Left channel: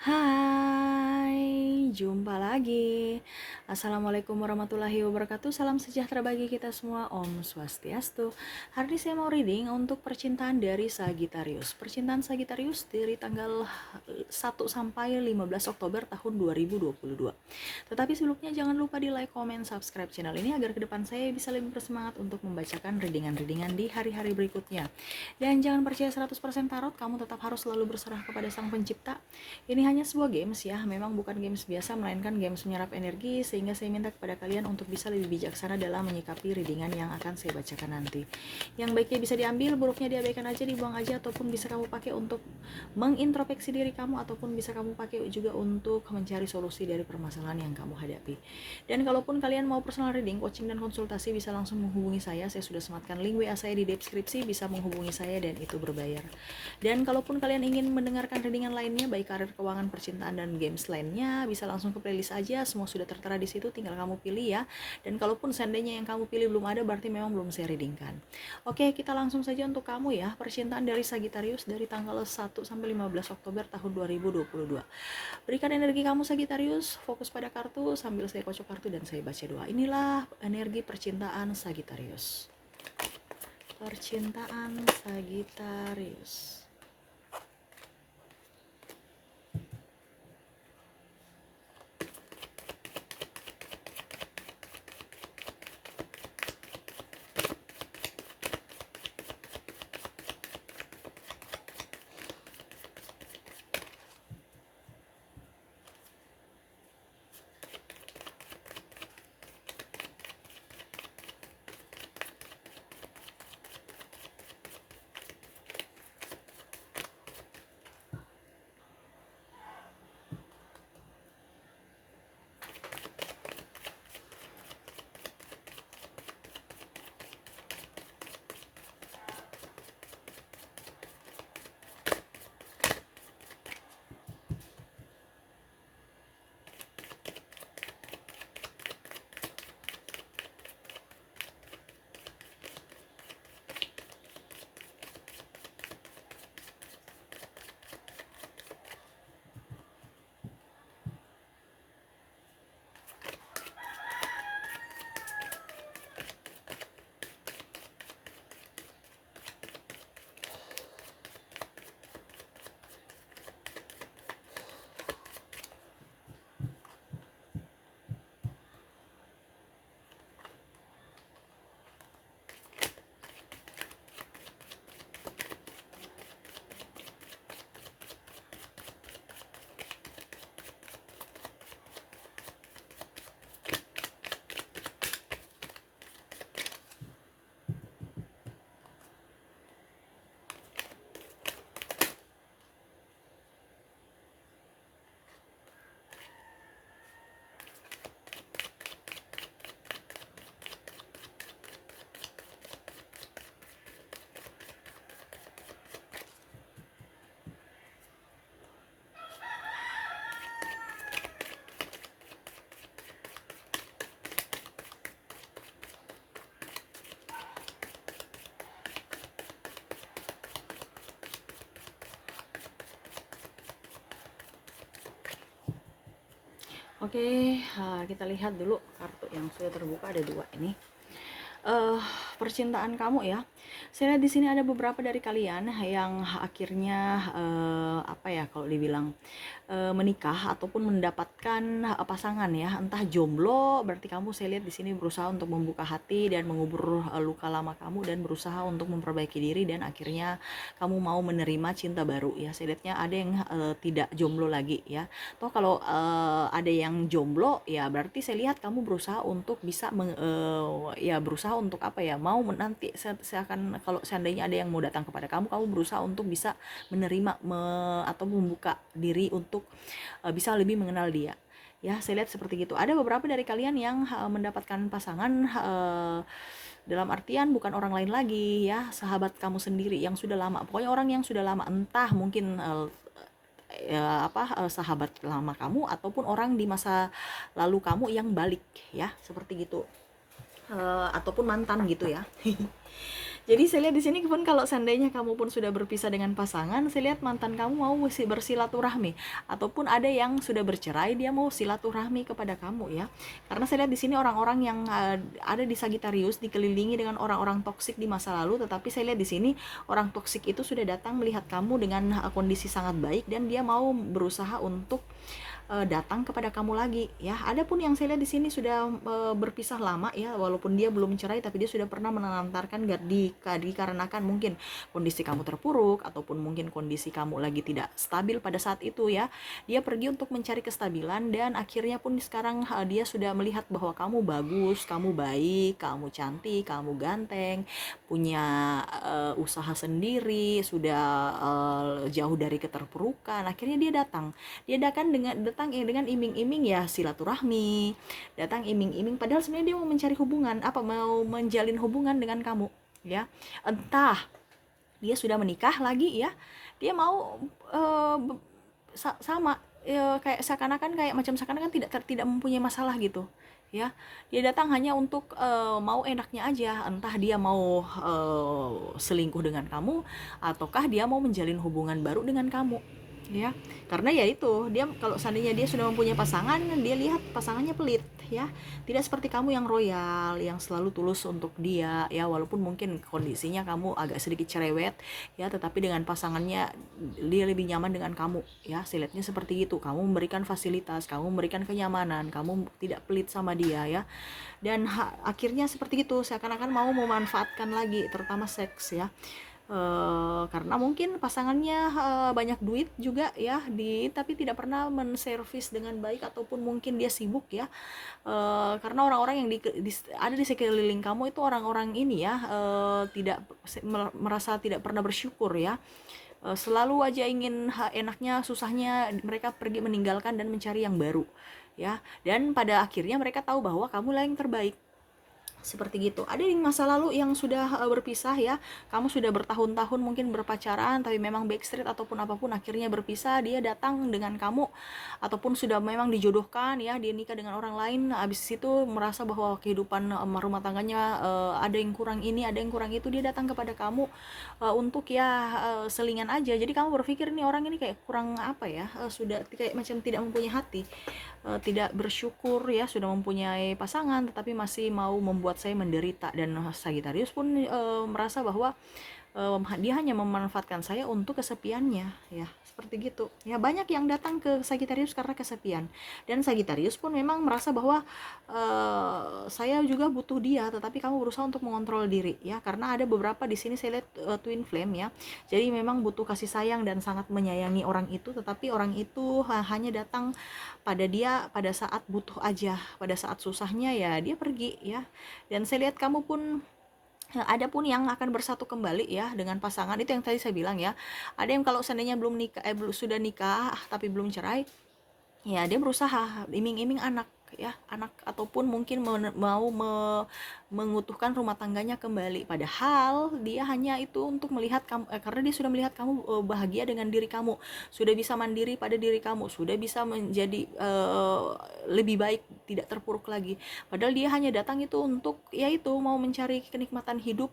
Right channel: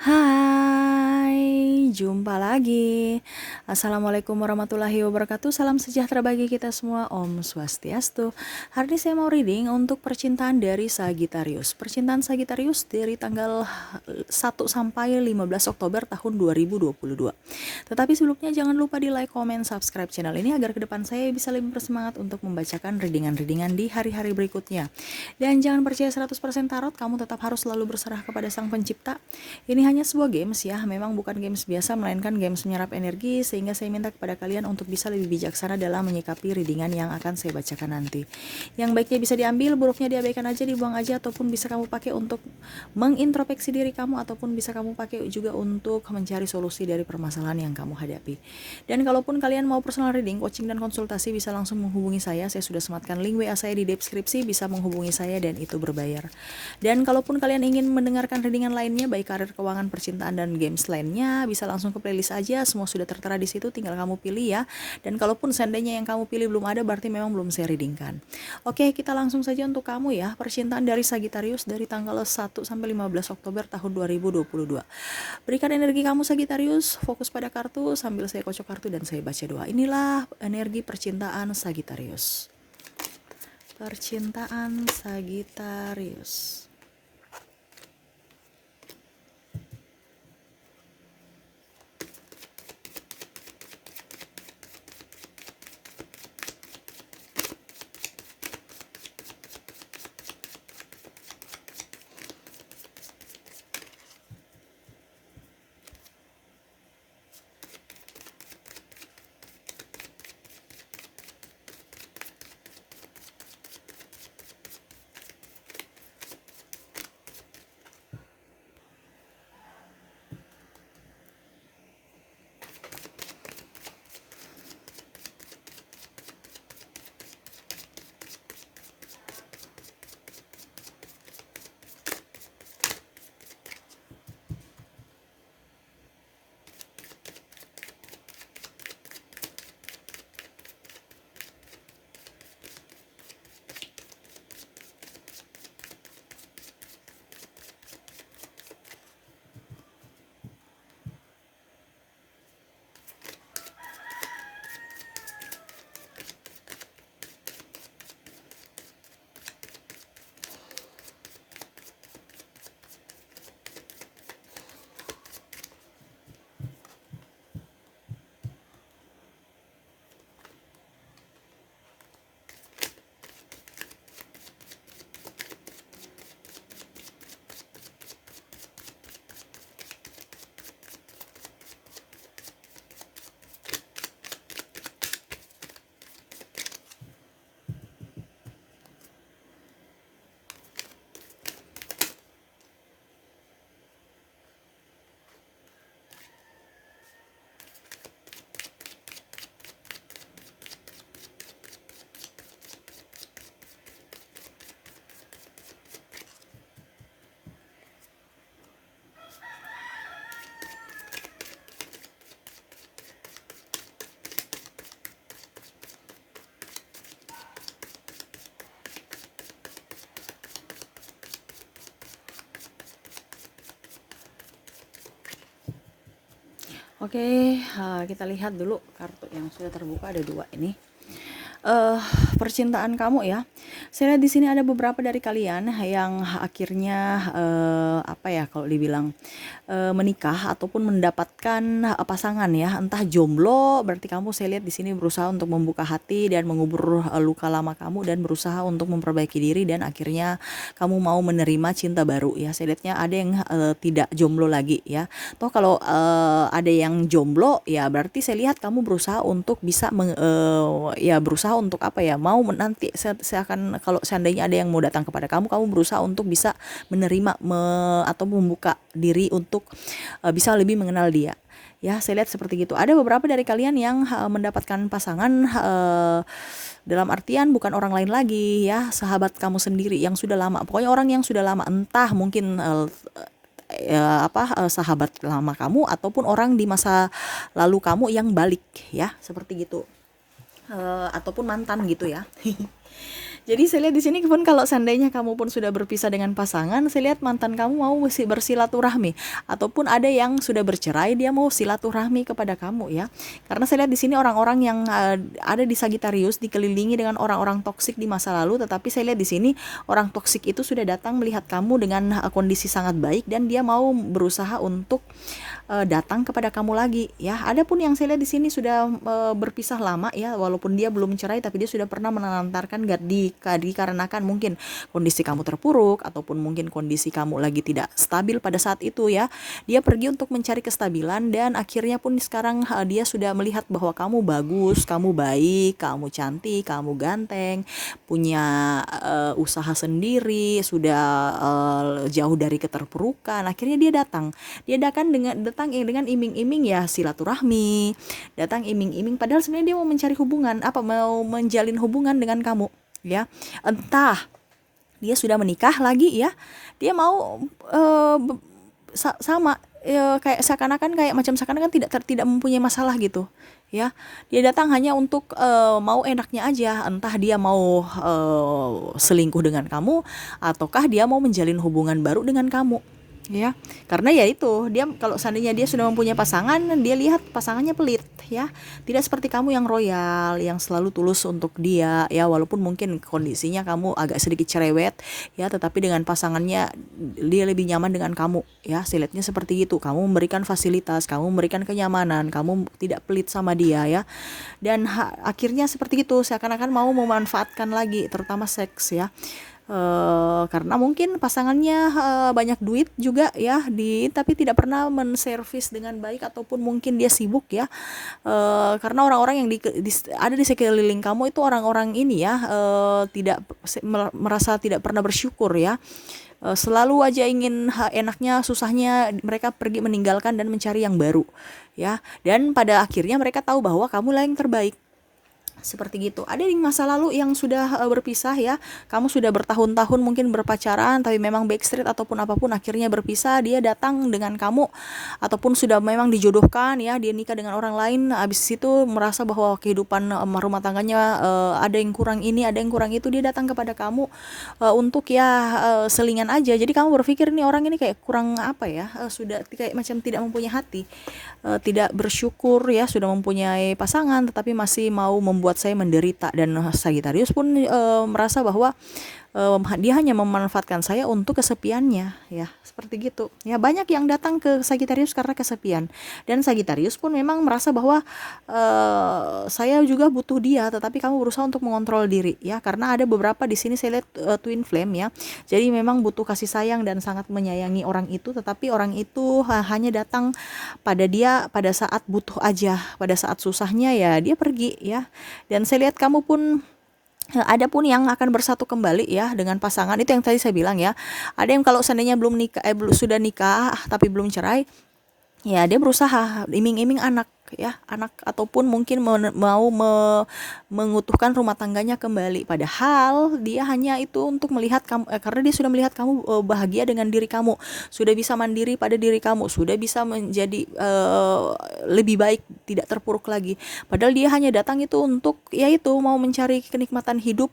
Hai, jumpa lagi. Assalamualaikum warahmatullahi wabarakatuh. Salam sejahtera bagi kita semua. Om Swastiastu. Hari ini saya mau reading untuk percintaan dari Sagittarius. Percintaan Sagittarius dari tanggal 1 sampai 15 Oktober tahun 2022. Tetapi sebelumnya jangan lupa di like, comment, subscribe channel ini agar ke depan saya bisa lebih bersemangat untuk membacakan readingan-readingan di hari-hari berikutnya. Dan jangan percaya 100% tarot, kamu tetap harus selalu berserah kepada Sang Pencipta. Ini hanya sebuah games ya, memang bukan games biasa melainkan games menyerap energi, sehingga saya minta kepada kalian untuk bisa lebih bijaksana dalam menyikapi readingan yang akan saya bacakan nanti. Yang baiknya bisa diambil, buruknya diabaikan aja, dibuang aja, ataupun bisa kamu pakai untuk mengintrospeksi diri kamu, ataupun bisa kamu pakai juga untuk mencari solusi dari permasalahan yang kamu hadapi. Dan kalaupun kalian mau personal reading, coaching dan konsultasi, bisa langsung menghubungi saya sudah sematkan link WA saya di deskripsi, bisa menghubungi saya dan itu berbayar. Dan kalaupun kalian ingin mendengarkan readingan lainnya, baik karir, keuangan, percintaan, dan games lainnya, bisa langsung ke playlist aja, semua sudah tertera di situ, tinggal kamu pilih ya. Dan kalaupun seandainya yang kamu pilih belum ada, berarti memang belum saya readingkan. Oke, kita langsung saja untuk kamu ya, percintaan dari Sagittarius dari tanggal 1 sampai 15 Oktober tahun 2022. Berikan energi kamu Sagittarius, fokus pada kartu sambil saya kocok kartu dan saya baca doa. Inilah energi percintaan Sagittarius. Percintaan Sagittarius. Oke, kita lihat dulu kartu yang sudah terbuka, ada dua ini. uh, Percintaan kamu ya. Saya lihat di sini ada beberapa dari kalian yang akhirnya apa ya kalau dibilang menikah ataupun mendapatkan pasangan ya, entah jomblo, berarti kamu saya lihat di sini berusaha untuk membuka hati dan mengubur luka lama kamu dan berusaha untuk memperbaiki diri dan akhirnya kamu mau menerima cinta baru ya. Saya lihatnya ada yang tidak jomblo lagi ya. Toh kalau ada yang jomblo ya berarti saya lihat kamu berusaha untuk bisa ya berusaha untuk apa ya, mau nanti saya akan, kalau seandainya ada yang mau datang kepada kamu, kamu berusaha untuk bisa menerima atau membuka diri untuk bisa lebih mengenal dia. Ya, saya lihat seperti gitu. Ada beberapa dari kalian yang mendapatkan pasangan dalam artian bukan orang lain lagi ya, sahabat kamu sendiri yang sudah lama. Pokoknya orang yang sudah lama, entah mungkin sahabat lama kamu ataupun orang di masa lalu kamu yang balik ya, seperti gitu. Ataupun mantan gitu ya. Jadi saya lihat di sini pun kalau seandainya kamu pun sudah berpisah dengan pasangan, saya lihat mantan kamu mau bersilaturahmi, ataupun ada yang sudah bercerai dia mau silaturahmi kepada kamu ya. Karena saya lihat di sini orang-orang yang ada di Sagittarius dikelilingi dengan orang-orang toksik di masa lalu, tetapi saya lihat di sini orang toksik itu sudah datang melihat kamu dengan kondisi sangat baik dan dia mau berusaha untuk datang kepada kamu lagi ya. Ada pun yang saya lihat di sini sudah berpisah lama ya, walaupun dia belum cerai tapi dia sudah pernah menelantarkan dikarenakan mungkin kondisi kamu terpuruk ataupun mungkin kondisi kamu lagi tidak stabil pada saat itu ya. Dia pergi untuk mencari kestabilan dan akhirnya pun sekarang dia sudah melihat bahwa kamu bagus, kamu baik, kamu cantik, kamu ganteng, punya usaha sendiri, sudah jauh dari keterpurukan. Akhirnya dia datang. Dia datang dengan iming-iming ya silaturahmi, datang iming-iming padahal sebenarnya dia mau mencari hubungan, mau menjalin hubungan dengan kamu ya. Entah dia sudah menikah lagi ya, dia mau sama kayak seakan-akan tidak mempunyai masalah gitu ya. Dia datang hanya untuk mau enaknya aja, entah dia mau selingkuh dengan kamu ataukah dia mau menjalin hubungan baru dengan kamu ya. Karena ya itu, dia kalau seandainya dia sudah mempunyai pasangan, dia lihat pasangannya pelit ya, tidak seperti kamu yang royal, yang selalu tulus untuk dia ya, walaupun mungkin kondisinya kamu agak sedikit cerewet ya, tetapi dengan pasangannya dia lebih nyaman dengan kamu ya. Saya lihatnya seperti itu, kamu memberikan fasilitas, kamu memberikan kenyamanan, kamu tidak pelit sama dia ya. Dan akhirnya seperti itu, seakan-akan mau memanfaatkan lagi, terutama seks ya. Karena mungkin pasangannya banyak duit juga ya, tapi tidak pernah menservis dengan baik, ataupun mungkin dia sibuk ya. Karena orang-orang yang ada di sekeliling kamu itu orang-orang ini ya, tidak merasa tidak pernah bersyukur ya. Selalu aja ingin enaknya, susahnya mereka pergi meninggalkan dan mencari yang baru ya. Dan pada akhirnya mereka tahu bahwa kamu lah yang terbaik. Seperti gitu. Ada di masa lalu yang sudah berpisah ya, kamu sudah bertahun-tahun mungkin berpacaran tapi memang backstreet ataupun apapun, akhirnya berpisah, dia datang dengan kamu, ataupun sudah memang dijodohkan ya, dia nikah dengan orang lain, habis itu merasa bahwa kehidupan rumah tangganya ada yang kurang ini, ada yang kurang itu, dia datang kepada kamu untuk ya selingan aja. Jadi kamu berpikir nih orang ini kayak kurang apa ya, sudah kayak macam tidak mempunyai hati, tidak bersyukur ya, sudah mempunyai pasangan tetapi masih mau membuat saya menderita. Dan Sagittarius pun merasa bahwa dia hanya memanfaatkan saya untuk kesepiannya ya, seperti gitu ya. Banyak yang datang ke Sagittarius karena kesepian, dan Sagittarius pun memang merasa bahwa saya juga butuh dia, tetapi kamu berusaha untuk mengontrol diri ya, karena ada beberapa di sini saya lihat twin flame ya. Jadi memang butuh kasih sayang dan sangat menyayangi orang itu, tetapi orang itu hanya datang pada dia pada saat butuh aja, pada saat susahnya ya dia pergi ya. Dan saya lihat kamu pun ada pun yang akan bersatu kembali ya dengan pasangan, itu yang tadi saya bilang ya. Ada yang kalau seandainya belum nikah, sudah nikah tapi belum cerai ya, dia berusaha iming-iming anak ya, anak, ataupun mungkin mau mengutuhkan rumah tangganya kembali, padahal dia hanya itu untuk melihat kamu, karena dia sudah melihat kamu bahagia dengan diri kamu, sudah bisa mandiri pada diri kamu, sudah bisa menjadi lebih baik, tidak terpuruk lagi. Padahal dia hanya datang itu untuk ya itu, mau mencari kenikmatan hidup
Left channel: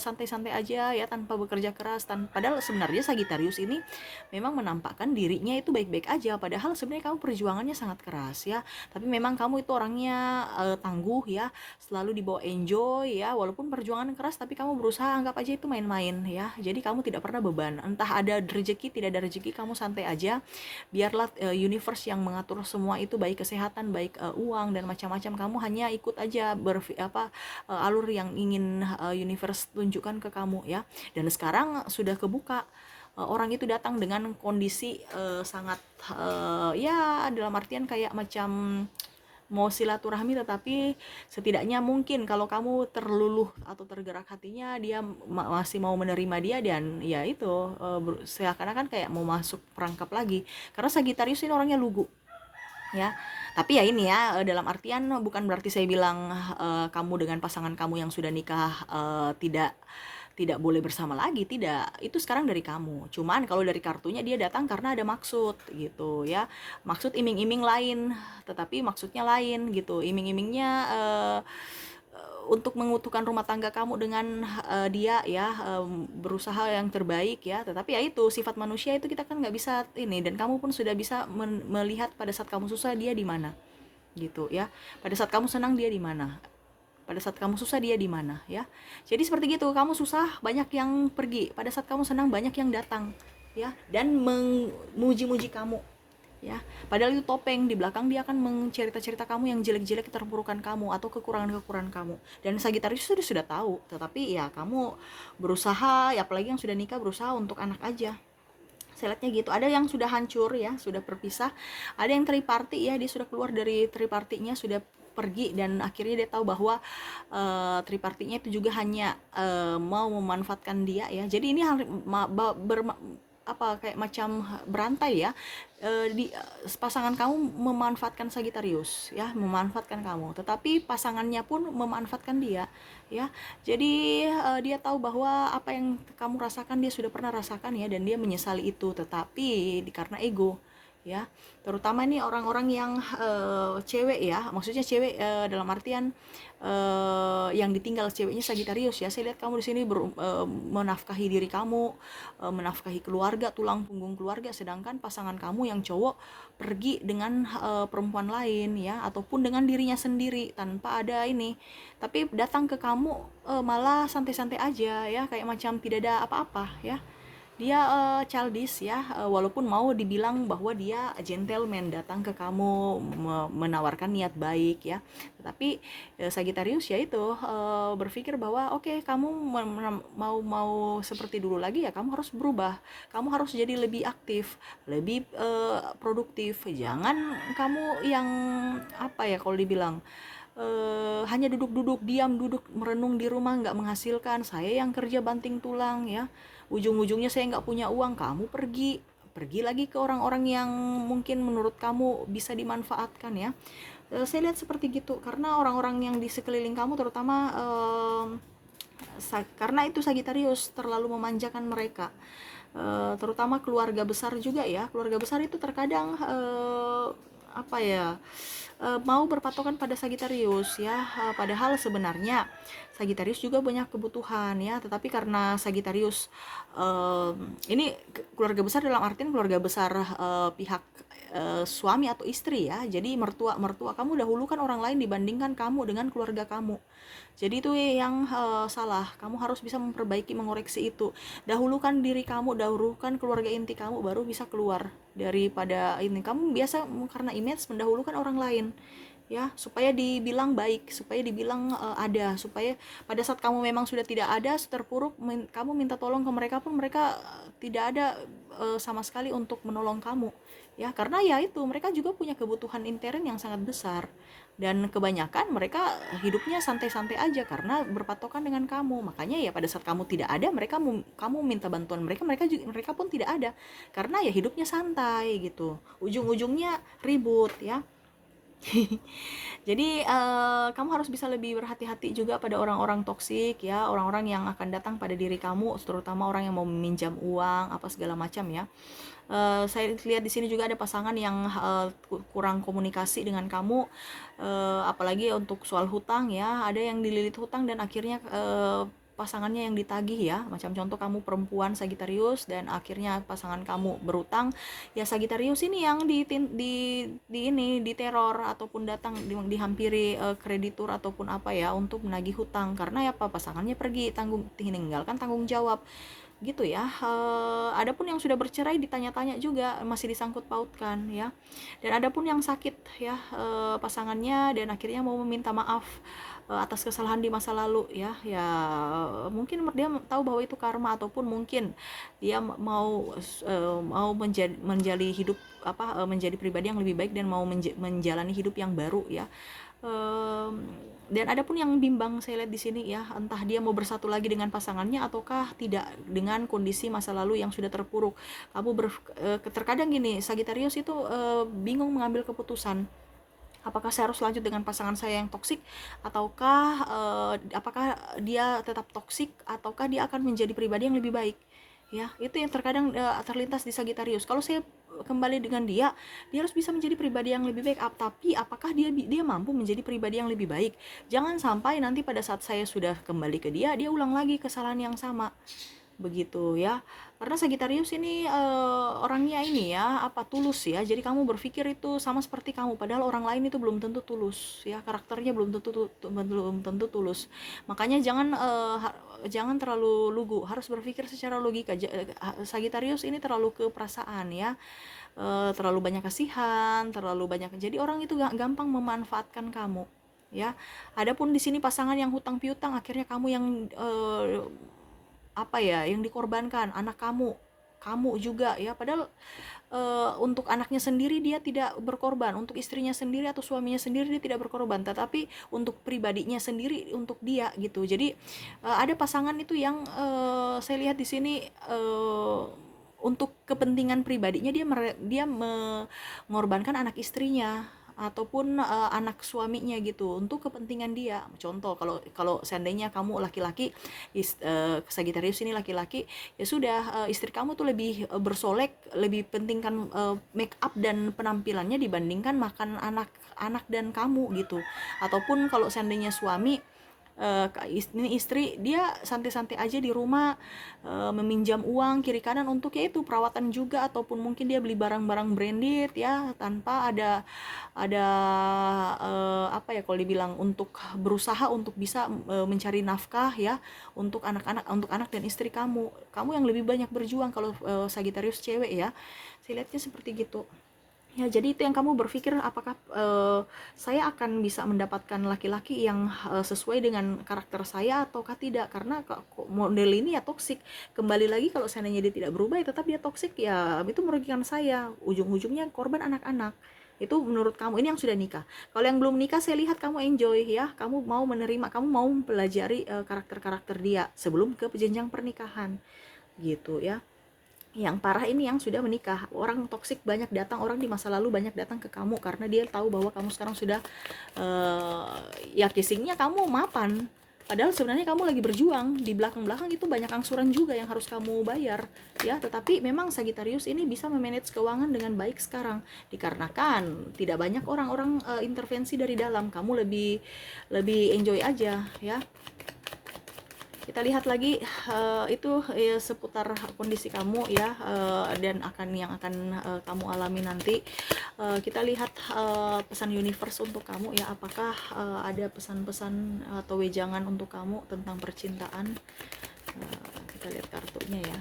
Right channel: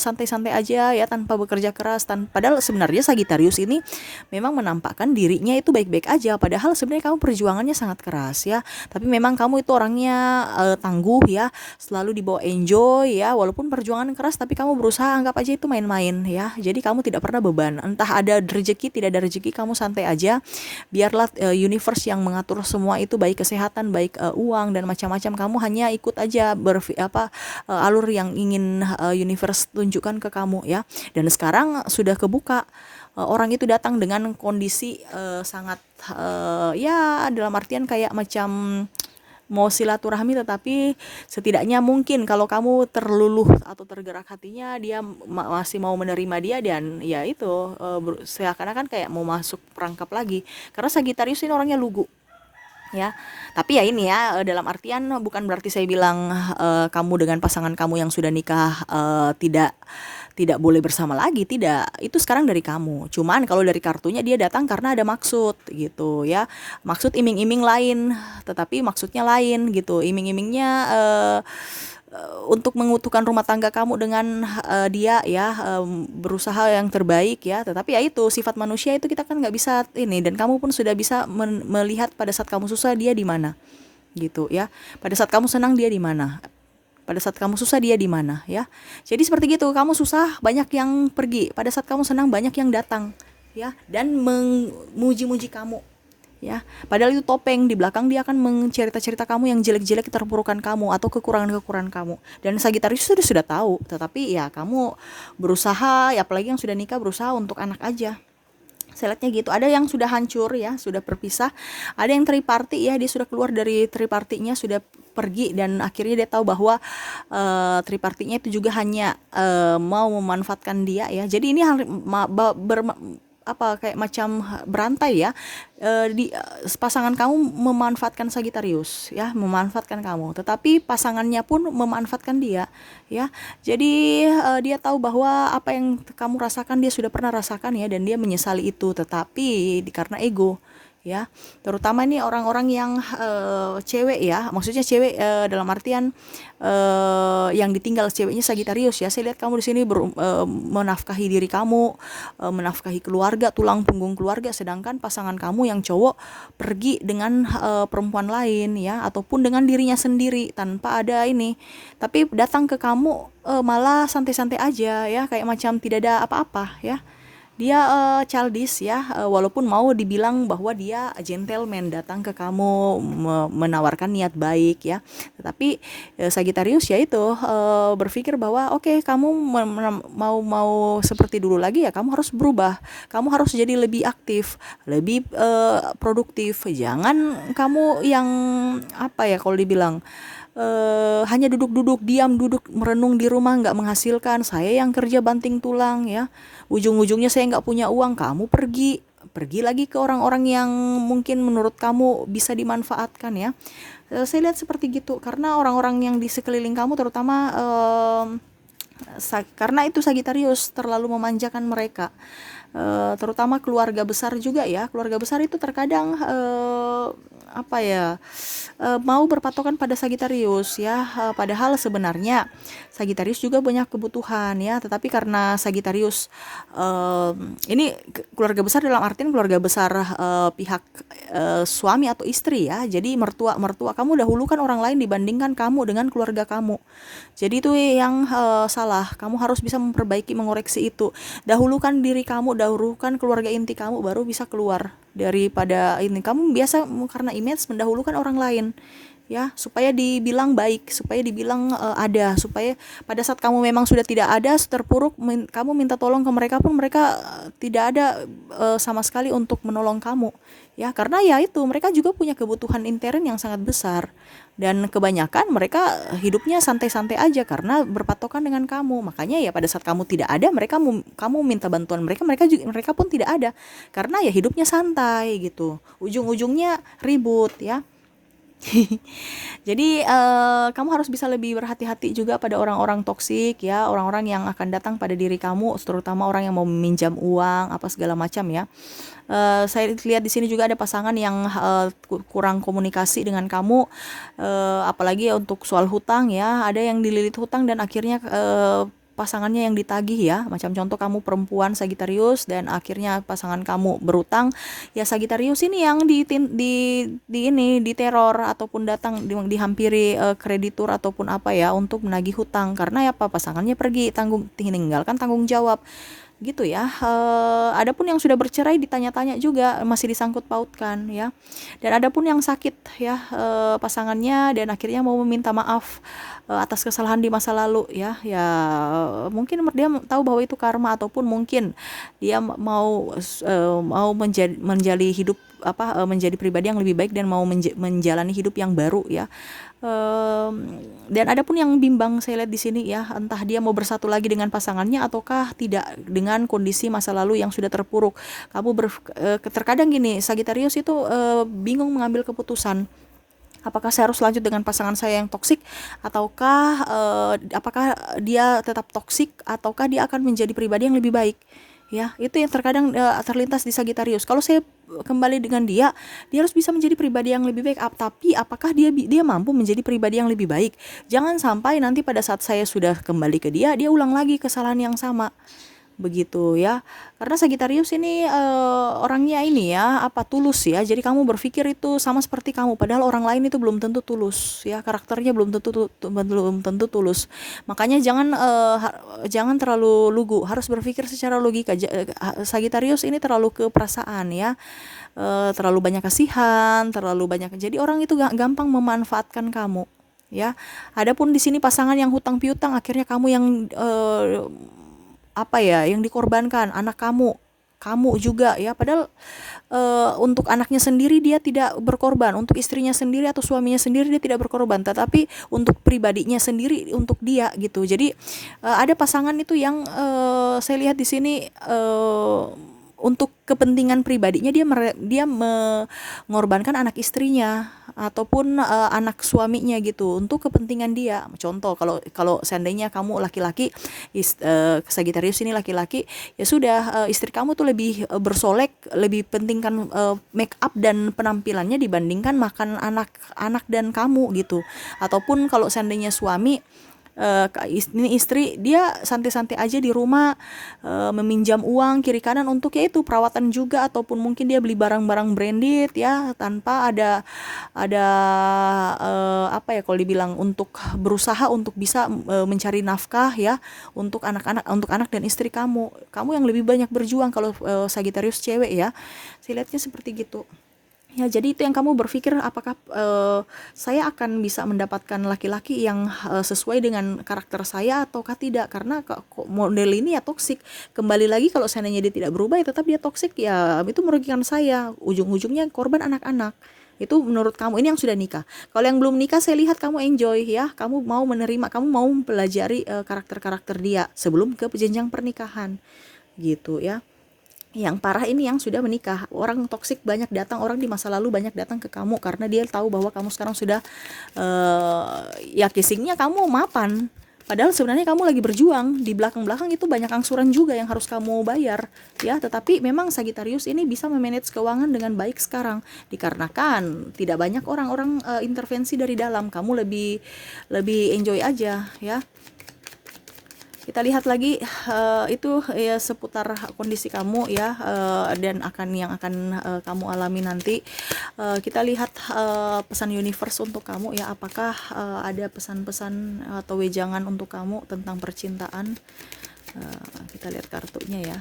santai-santai aja ya, tanpa bekerja keras. Padahal sebenarnya Sagittarius ini memang menampakkan dirinya itu baik-baik aja, padahal sebenarnya kamu perjuangannya sangat keras ya. Tapi memang kamu itu orangnya tangguh ya, selalu dibawa enjoy ya, walaupun perjuangan keras tapi kamu berusaha anggap aja itu main-main ya. Jadi kamu tidak pernah beban, entah ada rezeki tidak ada rezeki, kamu santai aja, biarlah universe yang mengatur semua itu, baik kesehatan, baik uang dan macam-macam. Kamu hanya ikut aja alur yang ingin universe tunjukkan ke kamu ya. Dan sekarang sudah kebuka, orang itu datang dengan kondisi sangat ya, dalam artian kayak macam mau silaturahmi, tetapi setidaknya mungkin kalau kamu terluluh atau tergerak hatinya, dia masih mau menerima dia, dan ya itu seakan-akan kayak mau masuk perangkap lagi, karena Sagittarius ini orangnya lugu ya. Tapi ya ini ya, dalam artian bukan berarti saya bilang kamu dengan pasangan kamu yang sudah nikah tidak boleh bersama lagi, tidak. Itu sekarang dari kamu. Cuman kalau dari kartunya dia datang karena ada maksud gitu ya. Maksud iming-iming lain, tetapi maksudnya lain gitu. Iming-imingnya untuk mengutuhkan rumah tangga kamu dengan dia ya, berusaha yang terbaik ya, tetapi ya itu sifat manusia itu kita kan nggak bisa ini, dan kamu pun sudah bisa melihat pada saat kamu susah dia di mana gitu ya, pada saat kamu senang dia di mana, pada saat kamu susah dia di mana ya. Jadi seperti gitu, kamu susah banyak yang pergi, pada saat kamu senang banyak yang datang ya, dan memuji-muji kamu ya, padahal itu topeng, di belakang dia akan mencerita-cerita kamu yang jelek-jelek, keterpurukan kamu atau kekurangan-kekurangan kamu, dan Sagitarius sudah tahu, tetapi ya kamu berusaha ya, apalagi yang sudah nikah berusaha untuk anak aja. Saya lihatnya gitu. Ada yang sudah hancur ya, sudah berpisah. Ada yang triparty ya, dia sudah keluar dari tripartinya, sudah pergi, dan akhirnya dia tahu bahwa tripartinya itu juga hanya mau memanfaatkan dia ya. Jadi ini apa kayak macam berantai ya, pasangan kamu memanfaatkan Sagitarius ya, memanfaatkan kamu, tetapi pasangannya pun memanfaatkan dia ya. Jadi dia tahu bahwa apa yang kamu rasakan dia sudah pernah rasakan ya, dan dia menyesali itu, tetapi karena ego ya, terutama ini orang-orang yang cewek ya, maksudnya cewek dalam artian yang ditinggal ceweknya Sagitarius ya. Saya lihat kamu di sini menafkahi diri kamu, menafkahi keluarga, tulang punggung keluarga, sedangkan pasangan kamu yang cowok pergi dengan perempuan lain ya, ataupun dengan dirinya sendiri tanpa ada ini, tapi datang ke kamu malah santai-santai aja ya, kayak macam tidak ada apa-apa ya. Dia childish ya, walaupun mau dibilang bahwa dia gentleman, datang ke kamu menawarkan niat baik ya, tetapi Sagittarius ya itu berpikir bahwa oke, kamu mau seperti dulu lagi ya, kamu harus berubah, kamu harus jadi lebih aktif, lebih produktif. Jangan kamu yang apa ya, kalau dibilang hanya duduk-duduk diam, duduk merenung di rumah, nggak menghasilkan. Saya yang kerja banting tulang ya, ujung-ujungnya saya nggak punya uang, kamu pergi lagi ke orang-orang yang mungkin menurut kamu bisa dimanfaatkan ya. Saya lihat seperti gitu, karena orang-orang yang di sekeliling kamu, terutama karena itu Sagitarius terlalu memanjakan mereka, terutama keluarga besar juga ya. Keluarga besar itu terkadang apa ya, mau berpatokan pada Sagitarius ya, padahal sebenarnya Sagitarius juga banyak kebutuhan ya, tetapi karena Sagitarius ini keluarga besar dalam artian keluarga besar pihak suami atau istri ya, jadi mertua kamu dahulukan orang lain dibandingkan kamu dengan keluarga kamu. Jadi itu yang salah, kamu harus bisa memperbaiki, mengoreksi itu. Dahulukan diri kamu, dahulukan keluarga inti kamu, baru bisa keluar daripada ini. Kamu biasa karena image mendahulukan orang lain ya, supaya dibilang baik, supaya dibilang ada, supaya pada saat kamu memang sudah tidak ada, terpuruk, kamu minta tolong ke mereka pun mereka tidak ada sama sekali untuk menolong kamu ya, karena ya itu mereka juga punya kebutuhan intern yang sangat besar, dan kebanyakan mereka hidupnya santai-santai aja karena berpatokan dengan kamu. Makanya ya pada saat kamu tidak ada, kamu minta bantuan mereka, mereka pun tidak ada, karena ya hidupnya santai gitu, ujung-ujungnya ribut ya. Jadi kamu harus bisa lebih berhati-hati juga pada orang-orang toksik ya, orang-orang yang akan datang pada diri kamu, terutama orang yang mau meminjam uang apa segala macam ya. Saya lihat di sini juga ada pasangan yang kurang komunikasi dengan kamu, apalagi ya untuk soal hutang ya. Ada yang dililit hutang dan akhirnya pasangannya yang ditagih ya, macam contoh kamu perempuan Sagitarius dan akhirnya pasangan kamu berutang ya, Sagitarius ini yang ini diteror ataupun datang dihampiri kreditur ataupun apa ya untuk menagih hutang, karena ya apa, pasangannya pergi, tinggalkan tanggung jawab gitu ya. Adapun yang sudah bercerai ditanya-tanya juga, masih disangkut pautkan ya. Dan adapun yang sakit ya pasangannya, dan akhirnya mau meminta maaf atas kesalahan di masa lalu ya. Ya mungkin dia tahu bahwa itu karma, ataupun mungkin dia mau menjadi hidup menjadi pribadi yang lebih baik dan mau menjalani hidup yang baru ya. Dan ada pun yang bimbang saya lihat di sini ya, entah dia mau bersatu lagi dengan pasangannya ataukah tidak dengan kondisi masa lalu yang sudah terpuruk. Kamu terkadang gini, Sagitarius itu bingung mengambil keputusan. Apakah saya harus lanjut dengan pasangan saya yang toksik, ataukah apakah dia tetap toksik, ataukah dia akan menjadi pribadi yang lebih baik ya. Itu yang terkadang terlintas di Sagittarius. Kalau saya kembali dengan dia harus bisa menjadi pribadi yang lebih baik. Tapi apakah dia mampu menjadi pribadi yang lebih baik? Jangan sampai nanti pada saat saya sudah kembali ke dia ulang lagi kesalahan yang sama, begitu ya. Karena Sagittarius ini orangnya ini ya, tulus ya. Jadi kamu berpikir itu sama seperti kamu, padahal orang lain itu belum tentu tulus ya, karakternya belum tentu tulus. Makanya jangan terlalu lugu, harus berpikir secara logika. Sagittarius ini terlalu ke perasaan ya, terlalu banyak kasihan, terlalu banyak. Jadi orang itu gampang memanfaatkan kamu ya. Adapun di sini pasangan yang hutang piutang, akhirnya kamu yang yang dikorbankan, anak kamu juga ya. Padahal untuk anaknya sendiri dia tidak berkorban, untuk istrinya sendiri atau suaminya sendiri dia tidak berkorban, tetapi untuk pribadinya sendiri, untuk dia gitu. Jadi ada pasangan itu yang saya lihat di sini untuk kepentingan pribadinya dia mengorbankan anak istrinya ataupun anak suaminya gitu untuk kepentingan dia. Contoh, kalau seandainya kamu laki-laki, Sagittarius ini laki-laki, ya sudah, istri kamu tuh lebih bersolek, lebih pentingkan make up dan penampilannya dibandingkan makan anak dan kamu gitu. Ataupun kalau seandainya suami, ini istri, dia santai-santai aja di rumah, meminjam uang kiri kanan untuk ya itu perawatan juga, ataupun mungkin dia beli barang-barang branded ya, tanpa ada kalau dibilang untuk berusaha untuk bisa mencari nafkah ya untuk anak dan istri kamu yang lebih banyak berjuang kalau Sagittarius cewek ya. Saya lihatnya seperti gitu. Ya, jadi itu yang kamu berpikir, apakah saya akan bisa mendapatkan laki-laki yang sesuai dengan karakter saya ataukah tidak? Karena model ini ya toksik. Kembali lagi, kalau seandainya dia tidak berubah ya tetap dia toksik, ya itu merugikan saya. Ujung-ujungnya korban anak-anak. Itu menurut kamu, ini yang sudah nikah. Kalau yang belum nikah, saya lihat kamu enjoy ya. Kamu mau menerima, kamu mau mempelajari karakter-karakter dia sebelum ke jenjang pernikahan. Gitu ya. Yang parah ini yang sudah menikah. Orang toksik banyak datang, orang di masa lalu banyak datang ke kamu karena dia tahu bahwa kamu sekarang sudah ya kissingnya kamu mapan. Padahal sebenarnya kamu lagi berjuang, di belakang-belakang itu banyak angsuran juga yang harus kamu bayar ya. Tetapi memang Sagittarius ini bisa memanage keuangan dengan baik sekarang, dikarenakan tidak banyak orang-orang intervensi dari dalam. Kamu lebih enjoy aja ya. Kita lihat lagi itu ya seputar kondisi kamu ya, dan yang akan kamu alami nanti. Kita lihat pesan universe untuk kamu ya, apakah ada pesan-pesan atau wejangan untuk kamu tentang percintaan. Kita lihat kartunya ya.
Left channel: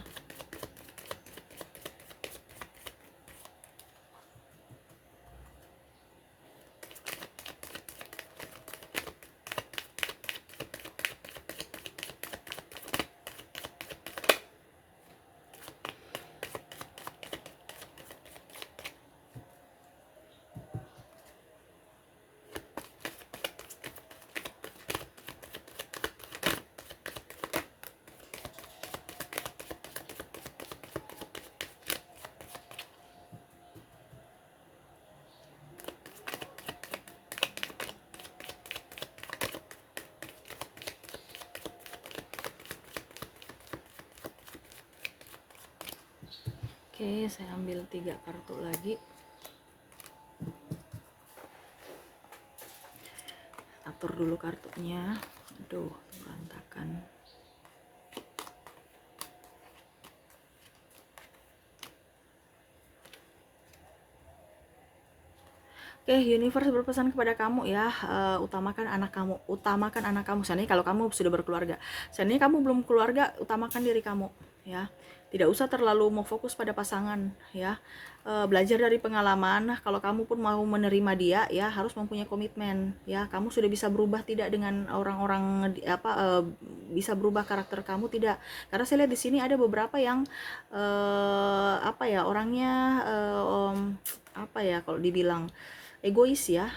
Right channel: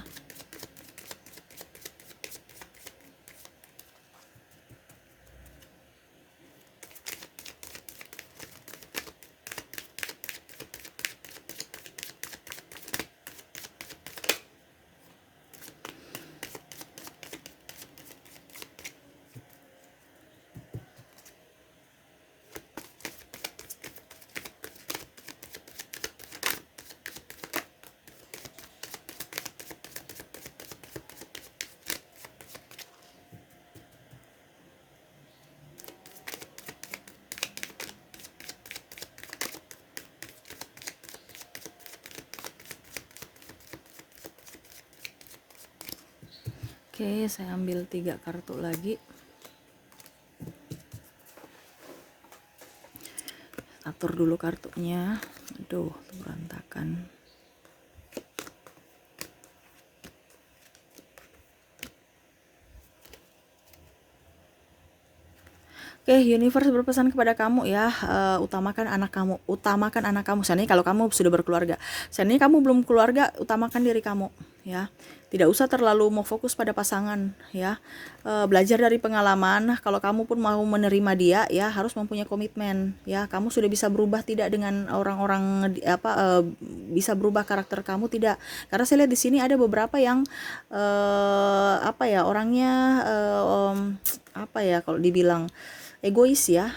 Oke, saya ambil 3 kartu lagi. Atur dulu kartunya. Aduh, berantakan. Oke, universe berpesan kepada kamu ya, utamakan anak kamu. Seandainya kalau kamu sudah berkeluarga, seandainya kamu belum keluarga, utamakan diri kamu ya. Tidak usah terlalu mau fokus pada pasangan ya. Belajar dari pengalaman. Kalau kamu pun mau menerima dia ya, harus mempunyai komitmen ya. Kamu sudah bisa berubah tidak dengan orang-orang bisa berubah karakter kamu tidak. Karena saya lihat di sini ada beberapa yang orangnya kalau dibilang egois ya,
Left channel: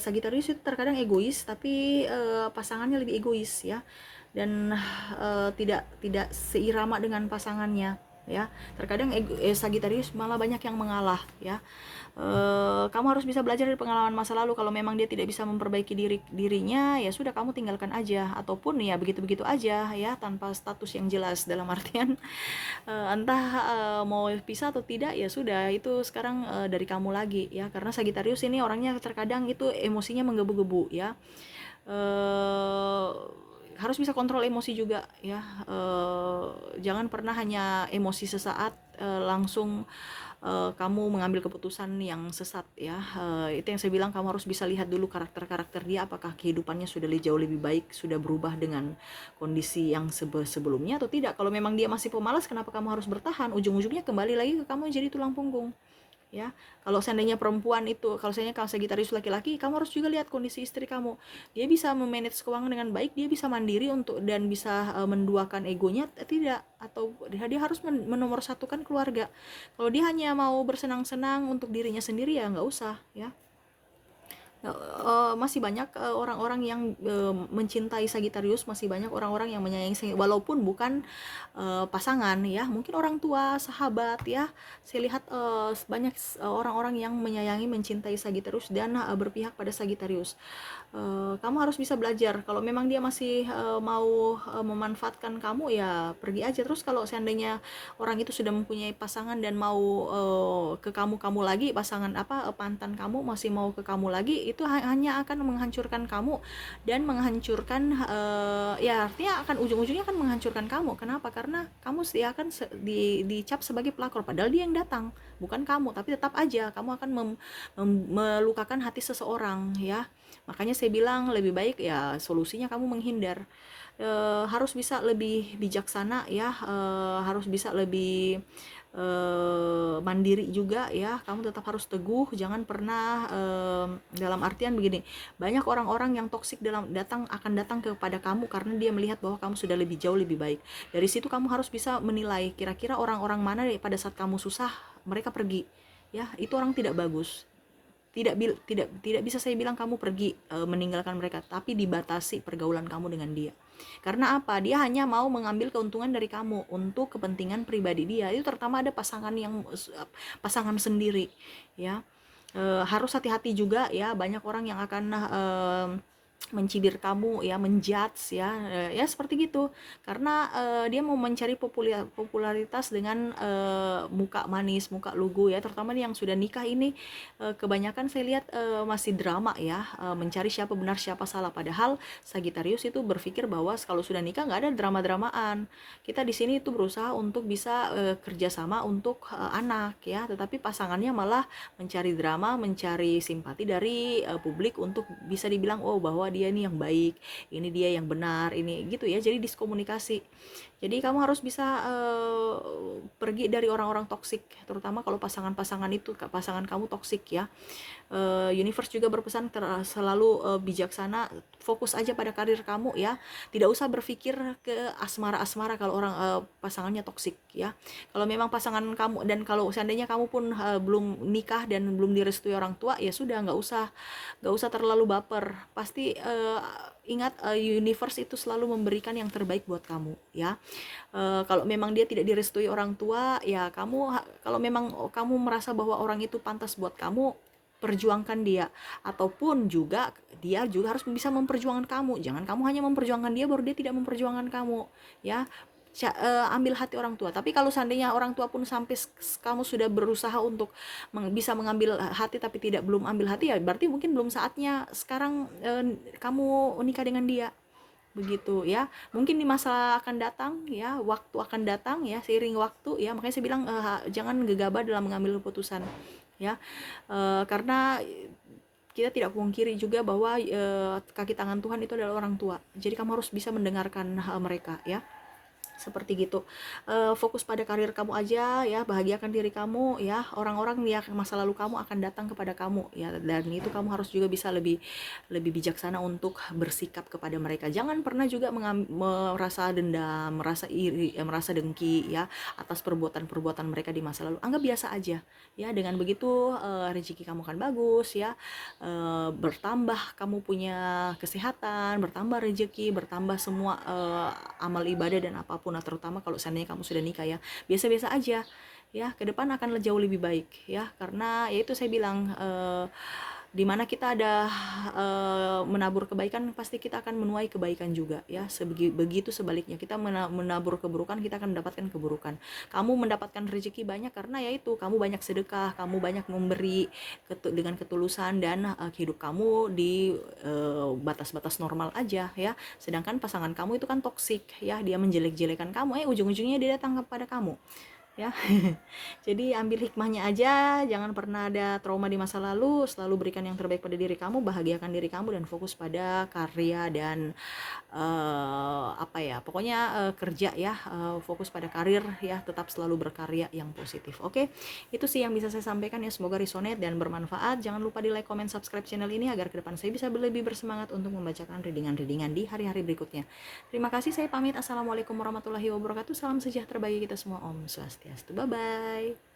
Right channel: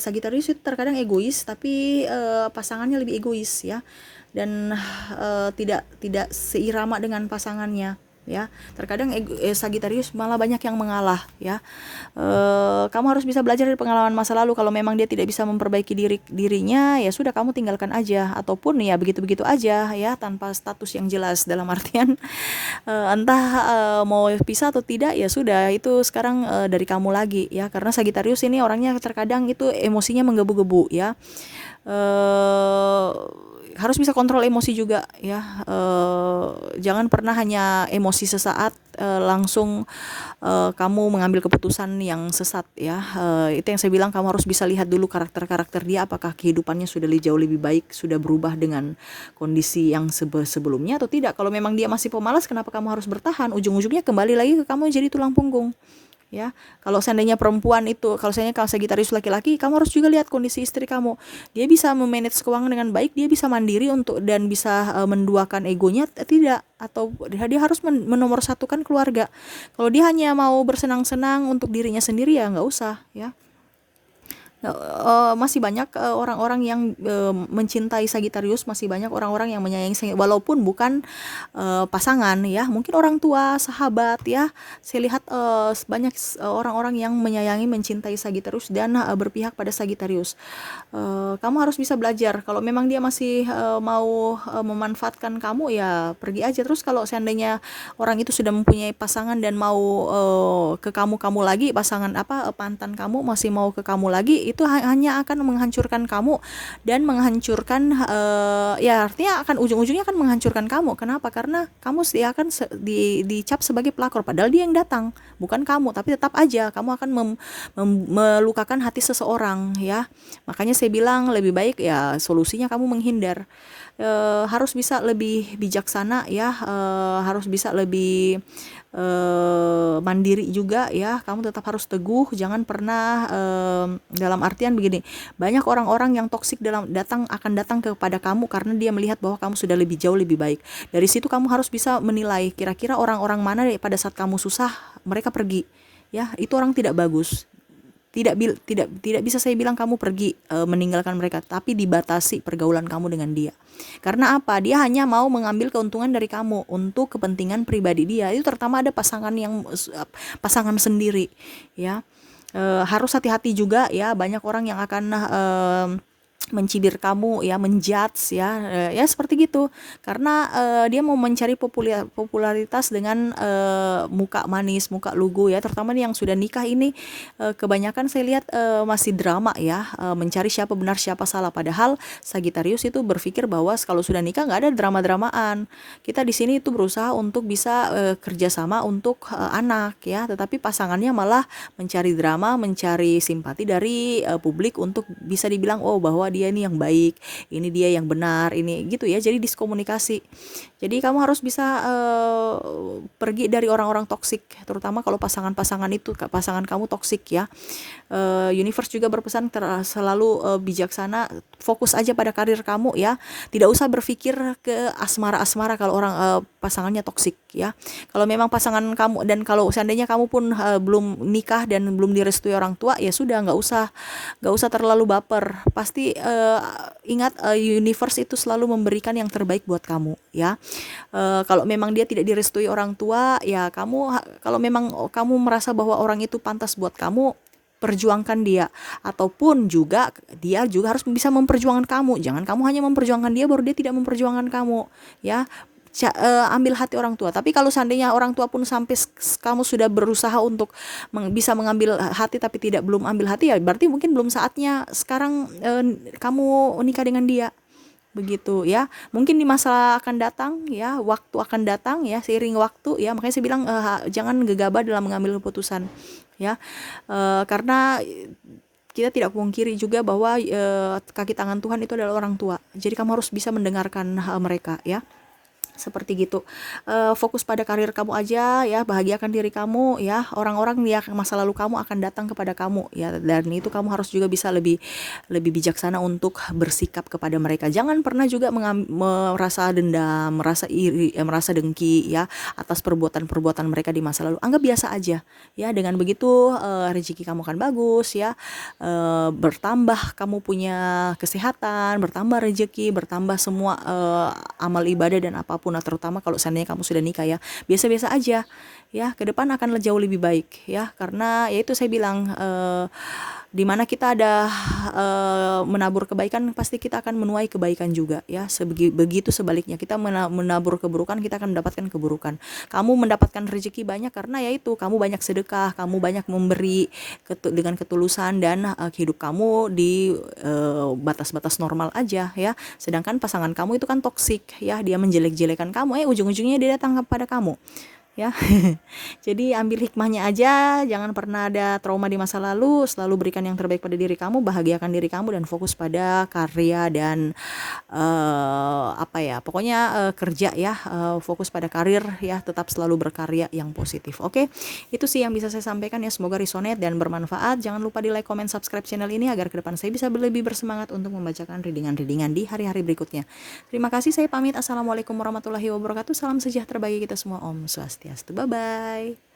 Sagittarius itu terkadang egois, tapi pasangannya lebih egois ya, dan tidak seirama dengan pasangannya ya. Terkadang Sagitarius malah banyak yang mengalah, ya. Kamu harus bisa belajar dari pengalaman masa lalu. Kalau memang dia tidak bisa memperbaiki dirinya, ya sudah, kamu tinggalkan aja, ataupun ya begitu-begitu aja, ya, tanpa status yang jelas. Dalam artian entah mau pisah atau tidak, ya sudah, itu sekarang dari kamu lagi, ya. Karena Sagitarius ini orangnya terkadang itu emosinya menggebu-gebu, ya. Harus bisa kontrol emosi juga, ya. Jangan pernah hanya emosi sesaat langsung kamu mengambil keputusan yang sesat, ya. Itu yang saya bilang, kamu harus bisa lihat dulu karakter dia, apakah kehidupannya sudah jauh lebih baik, sudah berubah dengan kondisi yang sebelumnya atau tidak. Kalau memang dia masih pemalas, kenapa kamu harus bertahan? Ujung-ujungnya kembali lagi ke kamu jadi tulang punggung, ya. Kalau seandainya perempuan itu, kalau Sagitarius laki-laki, kamu harus juga lihat kondisi istri kamu. Dia bisa memanage keuangan dengan baik, dia bisa mandiri dan bisa menduakan egonya, tidak, atau dia harus menomorsatukan keluarga. Kalau dia hanya mau bersenang-senang untuk dirinya sendiri, ya nggak usah, ya. Masih banyak orang-orang yang mencintai Sagitarius, masih banyak orang-orang yang menyayangi, walaupun bukan pasangan, ya, mungkin orang tua, sahabat, ya. Saya lihat banyak orang-orang yang menyayangi, mencintai Sagitarius dan berpihak pada Sagitarius. Kamu harus bisa belajar. Kalau memang dia masih mau memanfaatkan kamu, ya pergi aja. Terus kalau seandainya orang itu sudah mempunyai pasangan dan mau ke kamu lagi, pasangan mantan kamu masih mau ke kamu lagi, itu hanya akan menghancurkan kamu dan menghancurkan ya, artinya akan ujung-ujungnya akan menghancurkan kamu. Kenapa? Karena kamu dia akan dicap sebagai pelakor, padahal dia yang datang, bukan kamu. Tapi tetap aja kamu akan melukakan hati seseorang, ya. Makanya saya bilang lebih baik, ya, solusinya kamu menghindar. Harus bisa lebih bijaksana, ya. Harus bisa lebih mandiri juga, ya. Kamu tetap harus teguh, jangan pernah dalam artian begini, banyak orang-orang yang toksik akan datang kepada kamu karena dia melihat bahwa kamu sudah jauh lebih baik. Dari situ kamu harus bisa menilai kira-kira orang-orang mana pada saat kamu susah mereka pergi, ya. Itu orang tidak bagus. Tidak bisa saya bilang kamu pergi meninggalkan mereka, tapi dibatasi pergaulan kamu dengan dia. Karena apa? Dia hanya mau mengambil keuntungan dari kamu untuk kepentingan pribadi dia. Itu terutama ada pasangan sendiri, ya. Harus hati-hati juga, ya. Banyak orang yang akan mencibir kamu, ya, menjudge, ya, ya seperti gitu. Karena dia mau mencari popularitas dengan muka manis, muka lugu, ya. Terutama yang sudah nikah ini kebanyakan saya lihat masih drama, ya, mencari siapa benar siapa salah. Padahal Sagitarius itu berpikir bahwa kalau sudah nikah nggak ada drama-dramaan. Kita di sini itu berusaha untuk bisa kerjasama untuk anak, ya. Tetapi pasangannya malah mencari drama, mencari simpati dari publik untuk bisa dibilang, oh, bahwa dia ini yang baik, ini dia yang benar, ini gitu, ya. Jadi diskomunikasi. Jadi kamu harus bisa pergi dari orang-orang toksik, terutama kalau pasangan kamu toksik, ya. Universe juga berpesan selalu bijaksana, fokus aja pada karir kamu, ya. Tidak usah berpikir ke asmara-asmara kalau pasangannya toksik, ya. Kalau memang pasangan kamu, dan kalau seandainya kamu pun belum nikah dan belum direstui orang tua, ya sudah, nggak usah terlalu baper. Pasti ingat, universe itu selalu memberikan yang terbaik buat kamu, ya. Kalau memang dia tidak direstui orang tua, ya kalau memang kamu merasa bahwa orang itu pantas buat kamu, perjuangkan dia. Ataupun juga dia juga harus bisa memperjuangkan kamu. Jangan kamu hanya memperjuangkan dia baru dia tidak memperjuangkan kamu, ya. Ambil hati orang tua. Tapi kalau seandainya orang tua pun sampai kamu sudah berusaha untuk bisa mengambil hati tapi belum ambil hati, ya berarti mungkin belum saatnya sekarang kamu nikah dengan dia, begitu, ya. Mungkin di masa akan datang, ya, waktu akan datang, ya, seiring waktu, ya. Makanya saya bilang jangan gegabah dalam mengambil keputusan, ya. Karena kita tidak pungkiri juga bahwa kaki tangan Tuhan itu adalah orang tua. Jadi kamu harus bisa mendengarkan mereka, ya. Seperti gitu. Fokus pada karir kamu aja, ya. Bahagiakan diri kamu, ya. Orang-orang ya masa lalu kamu akan datang kepada kamu, ya. Dan itu kamu harus juga bisa lebih bijaksana untuk bersikap kepada mereka. Jangan pernah juga merasa dendam, merasa iri, merasa dengki, ya, atas perbuatan-perbuatan mereka di masa lalu. Anggap biasa aja, ya. Dengan begitu rezeki kamu akan bagus, ya. Bertambah kamu punya kesehatan, bertambah rezeki, bertambah semua amal ibadah dan apapun apapun, nah, terutama kalau seandainya kamu sudah nikah ya, biasa-biasa aja ya, ke depan akan jauh lebih baik ya, karena ya itu saya bilang, di mana kita ada menabur kebaikan, pasti kita akan menuai kebaikan juga ya. Begitu sebaliknya, kita menabur keburukan, kita akan mendapatkan keburukan. Kamu mendapatkan rezeki banyak karena yaitu kamu banyak sedekah, kamu banyak memberi dengan ketulusan, dan hidup kamu di batas-batas normal aja ya. Sedangkan pasangan kamu itu kan toksik ya, dia menjelek-jelekan kamu, ujung-ujungnya dia datang kepada kamu ya. Jadi ambil hikmahnya aja, jangan pernah ada trauma di masa lalu, selalu berikan yang terbaik pada diri kamu, bahagiakan diri kamu, dan fokus pada karya dan apa ya, pokoknya kerja ya, fokus pada karir ya, tetap selalu berkarya yang positif. Oke, itu sih yang bisa saya sampaikan ya, semoga resonate dan bermanfaat. Jangan lupa di like, comment, subscribe channel ini agar ke depan saya bisa lebih bersemangat untuk membacakan readingan-readingan di hari-hari berikutnya. Terima kasih, saya pamit. Assalamualaikum warahmatullahi wabarakatuh. Salam sejahtera bagi kita semua. Om Swastiastu. Bye bye.